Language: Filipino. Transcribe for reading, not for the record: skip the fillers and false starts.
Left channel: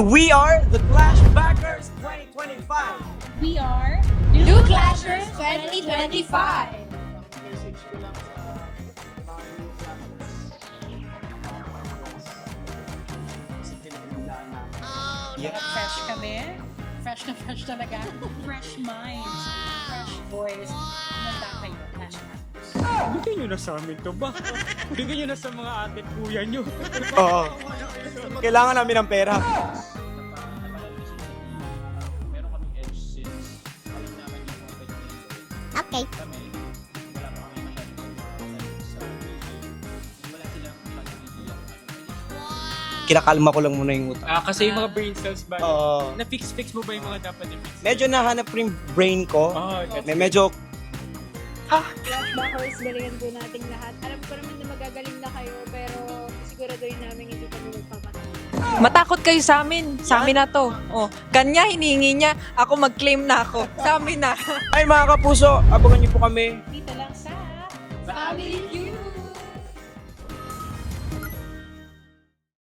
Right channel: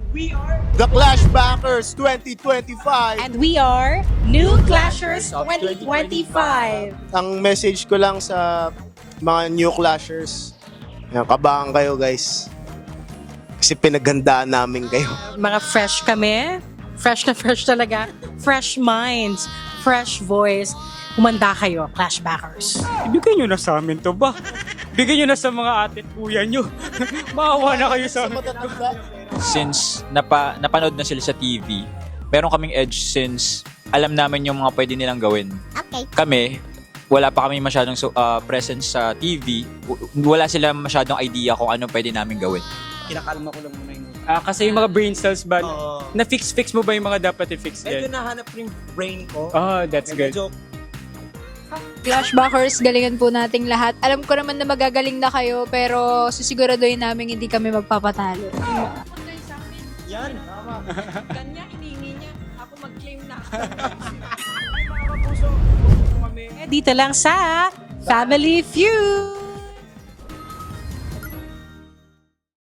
We are The Clash Backers 2025. And we are New Clashers 2025. Ang message ko lang sa mga new clashers, yan, kabahan kayo guys. Kasi pinaghandaan namin kayo. Mga fresh kami. Fresh na fresh talaga. Fresh minds. Fresh voice. Humanda kayo, Clashbackers. Bigyan nyo na sa amin to ba? Bigyan nyo na sa mga ate at kuya nyo. Maawa na kayo sa amin. Kailangan namin ng pera. Since napanood na sila sa TV, meron kaming edge since alam namin yung mga pwede nilang gawin. Okay. Kami, wala pa kami masyadong presence sa TV. Wala sila masyadong idea kung ano pwede namin gawin. Kinakalma ko lang muna yung utak. Kasi yung mga brain cells ba? Na-fix mo ba yung mga dapat i-fix? Medyo nahanap ko yung brain ko. That's good. Medyo Clashbackers, galingan po nating lahat. Alam ko naman na magagaling na kayo, pero sisiguraduhin namin hindi kami magpapatalo. Matakot kayo sa amin. Sa amin na to. Oh, kanya, hinihingi niya. Ako mag-claim na ako. Sa amin na. ay mga kapuso, abangan niyo po kami. Dito lang sa Family Feud.